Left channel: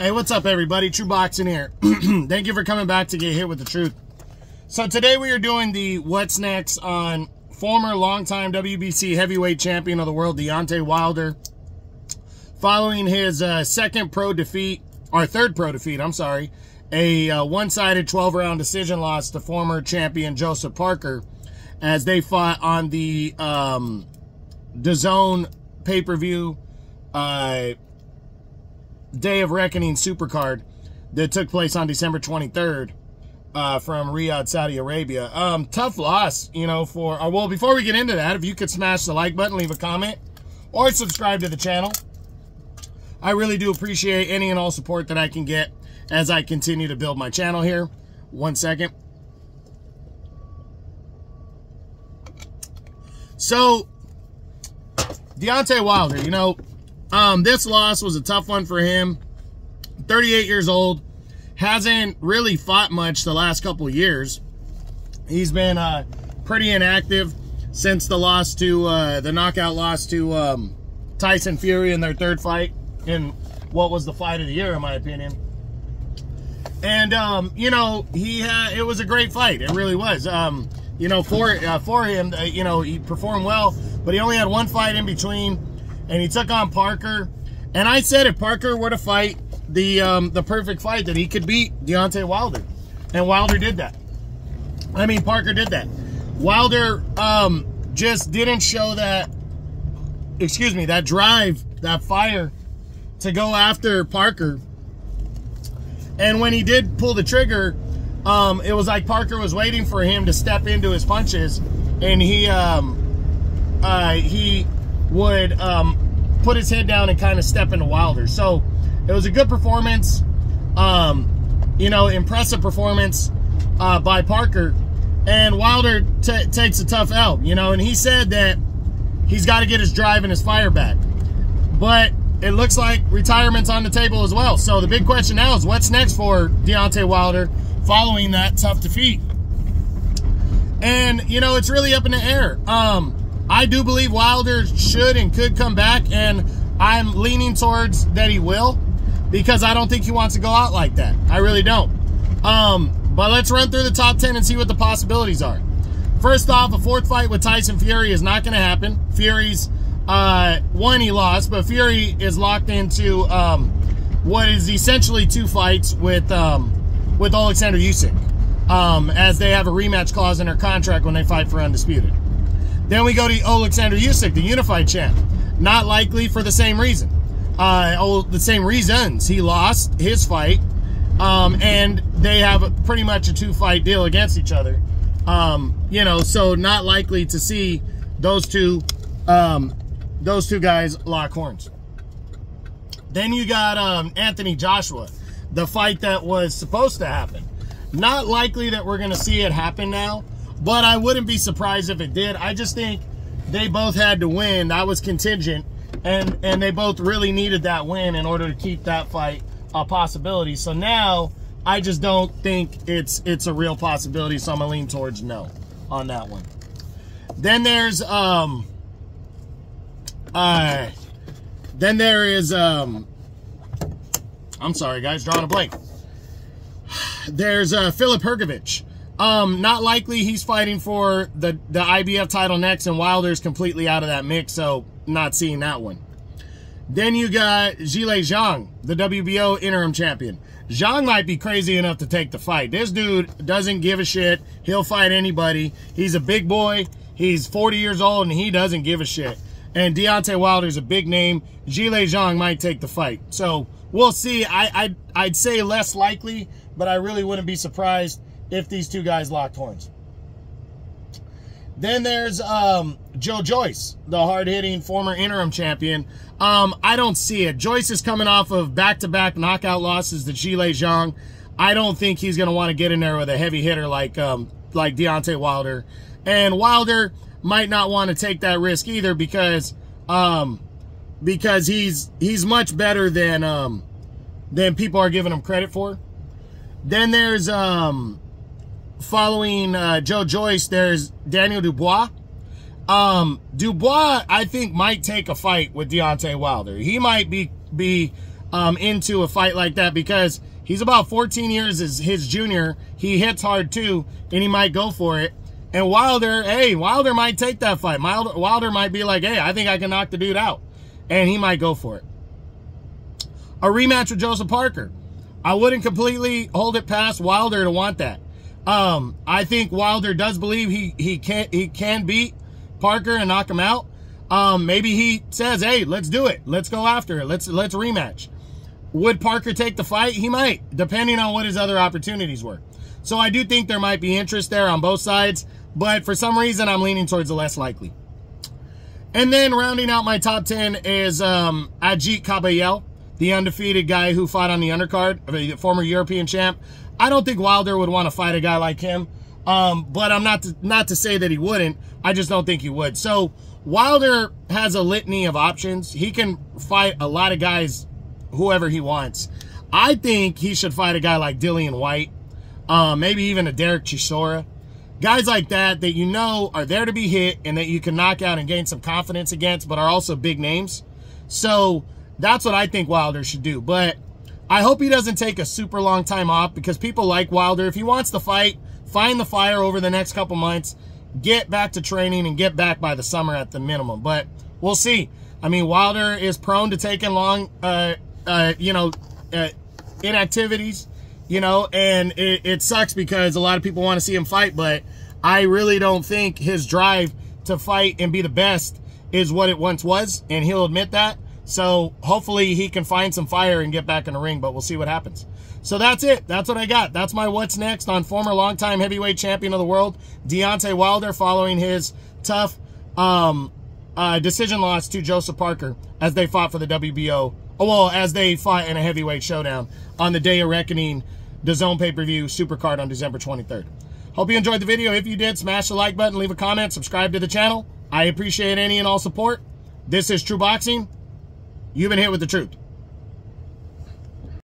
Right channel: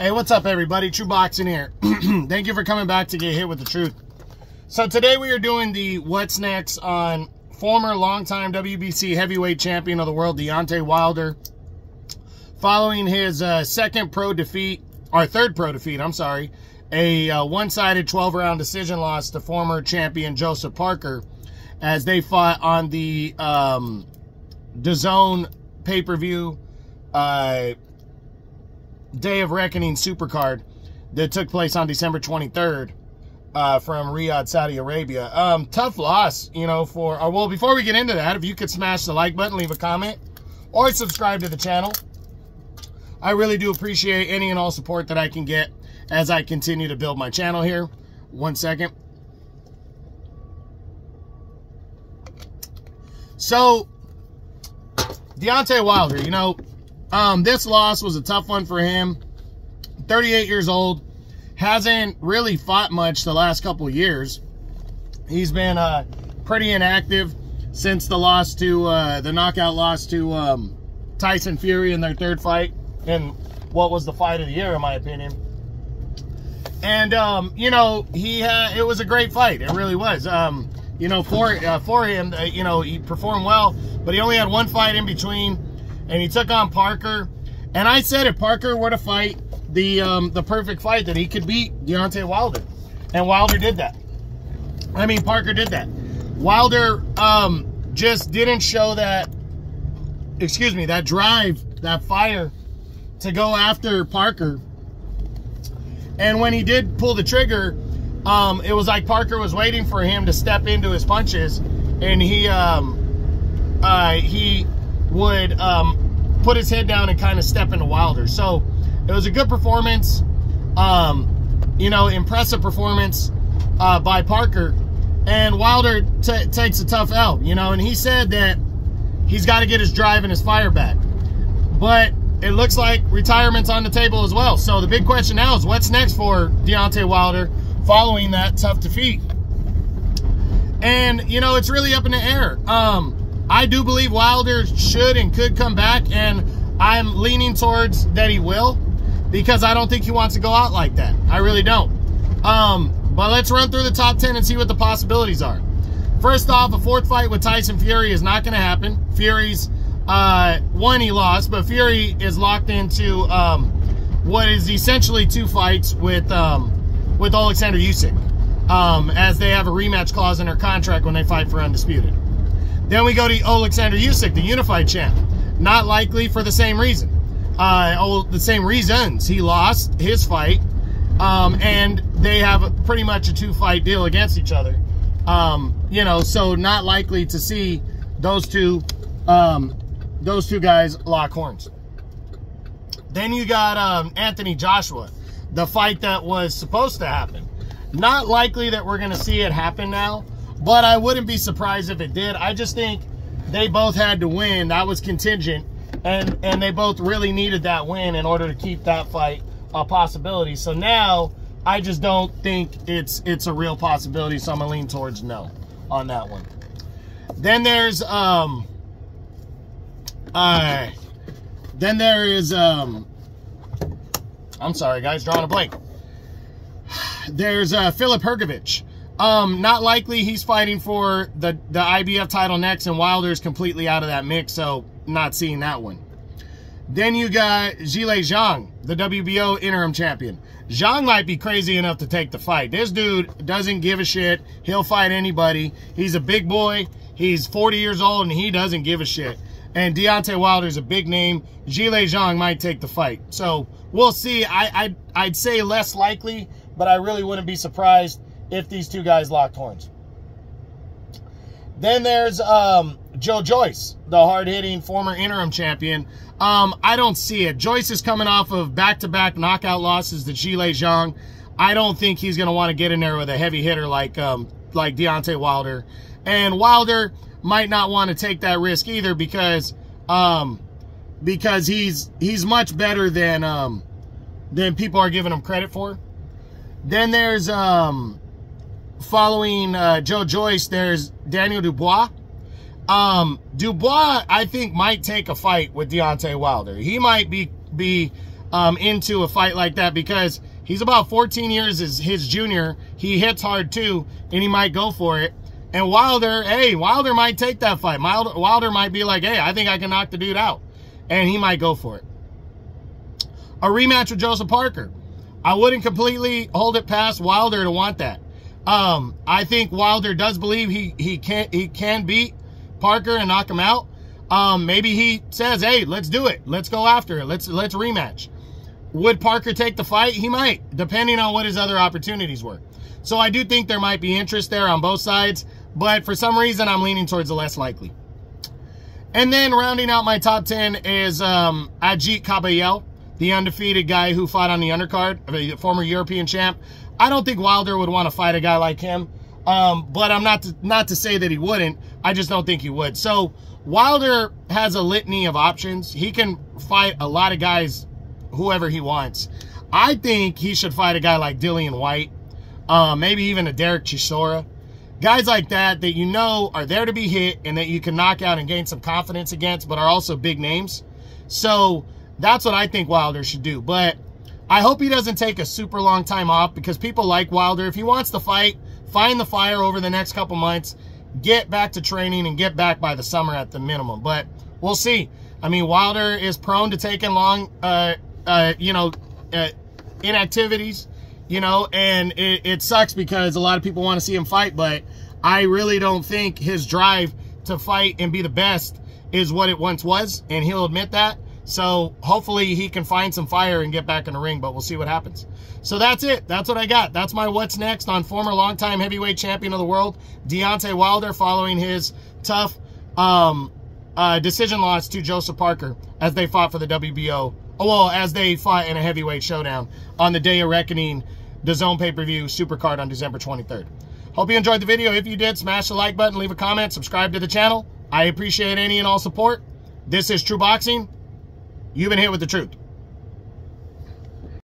Hey, what's up, everybody? True Boxing here. Thank you for coming back to get hit with the truth. So today we are doing the what's next on former longtime WBC heavyweight champion of the world, Deontay Wilder, following his third pro defeat, I'm sorry, a one-sided 12-round decision loss to former champion Joseph Parker as they fought on the DAZN pay-per-view Day of Reckoning Supercard that took place on December 23rd from Riyadh, Saudi Arabia. Tough loss, you know, well, before we get into that, if you could smash the like button, leave a comment, or subscribe to the channel. I really do appreciate any and all support that I can get as I continue to build my channel here. 1 second. So, Deontay Wilder, you know, this loss was a tough one for him. 38 years old. Hasn't really fought much the last couple of years. He's been pretty inactive since the loss to, the knockout loss to Tyson Fury in their third fight in what was the fight of the year, in my opinion. And, you know, it was a great fight. It really was. You know, for him, you know, he performed well, but he only had one fight in between. And he took on Parker. And I said if Parker were to fight the perfect fight, that he could beat Deontay Wilder. And Wilder did that. I mean, Parker did that. Wilder just didn't show that, that drive, that fire to go after Parker. And when he did pull the trigger, it was like Parker was waiting for him to step into his punches. And he would put his head down and kind of step into Wilder. So it was a good performance, you know, impressive performance by Parker. And Wilder takes a tough L, you know, and he said that he's got to get his drive and his fire back. But it looks like retirement's on the table as well. So the big question now is what's next for Deontay Wilder following that tough defeat? And, you know, it's really up in the air. I do believe Wilder should and could come back, and I'm leaning towards that he will, because I don't think he wants to go out like that. I really don't. But let's run through the top 10 and see what the possibilities are. First off, a fourth fight with Tyson Fury is not going to happen. Fury's one he lost, but Fury is locked into what is essentially 2 fights with Alexander Usyk, as they have a rematch clause in their contract when they fight for undisputed. Then we go to Alexander Usyk, the unified champ. Not likely for the same reason. The same reasons. He lost his fight, and they have pretty much a 2-fight deal against each other. You know, so not likely to see those two guys lock horns. Then you got Anthony Joshua, the fight that was supposed to happen. Not likely that we're going to see it happen now. But I wouldn't be surprised if it did. I just think they both had to win. That was contingent. And they both really needed that win in order to keep that fight a possibility. So now, I just don't think it's a real possibility. So I'm going to lean towards no on that one. Then there's, I'm sorry, guys, drawing a blank. There's Filip Hrgović. Not likely he's fighting for the IBF title next, and Wilder's completely out of that mix, so not seeing that one. Then you got Zhilei Zhang, the WBO interim champion. Zhang might be crazy enough to take the fight. This dude doesn't give a shit. He'll fight anybody. He's a big boy. He's 40 years old, and he doesn't give a shit. And Deontay Wilder's a big name. Zhilei Zhang might take the fight. So we'll see. I'd say less likely, but I really wouldn't be surprised if these two guys locked horns. Then there's Joe Joyce, the hard-hitting former interim champion. I don't see it. Joyce is coming off of back-to-back knockout losses to Zhilei Zhang. I don't think he's going to want to get in there with a heavy hitter like Deontay Wilder. And Wilder might not want to take that risk either because he's much better than people are giving him credit for. Then there's following Joe Joyce, there's Daniel Dubois. Dubois, I think, might take a fight with Deontay Wilder. He might be into a fight like that, because he's about 14 years as his junior. He hits hard too, and he might go for it. And Wilder, hey, Wilder might take that fight. Wilder might be like, hey, I think I can knock the dude out. And he might go for it. A rematch with Joseph Parker. I wouldn't completely hold it past Wilder to want that. I think Wilder does believe he can beat Parker and knock him out. Maybe he says, hey, let's do it. Let's go after it. Let's rematch. Would Parker take the fight? He might, depending on what his other opportunities were. So I do think there might be interest there on both sides, but for some reason I'm leaning towards the less likely. And then rounding out my top 10 is Ajit Kabayel, the undefeated guy who fought on the undercard, the former European champ. I don't think Wilder would want to fight a guy like him, but I'm not to say that he wouldn't. I just don't think he would. So Wilder has a litany of options. He can fight a lot of guys, whoever he wants. I think he should fight a guy like Dillian White, maybe even a Derek Chisora. Guys like that you know are there to be hit and that you can knock out and gain some confidence against, but are also big names. So that's what I think Wilder should do. But I hope he doesn't take a super long time off, because people like Wilder. If he wants to fight, find the fire over the next couple months, get back to training, and get back by the summer at the minimum. But we'll see. I mean, Wilder is prone to taking long, inactivities, and it sucks because a lot of people want to see him fight, but I really don't think his drive to fight and be the best is what it once was, and he'll admit that. So hopefully he can find some fire and get back in the ring, but we'll see what happens. So that's it. That's what I got. That's my what's next on former longtime heavyweight champion of the world, Deontay Wilder, following his tough decision loss to Joseph Parker as they fought for the WBO. Well, as they fought in a heavyweight showdown on the Day of Reckoning, the Zone pay-per-view supercard on December 23rd. Hope you enjoyed the video. If you did, smash the like button, leave a comment, subscribe to the channel. I appreciate any and all support. This is True Boxing. You've been hit with the truth.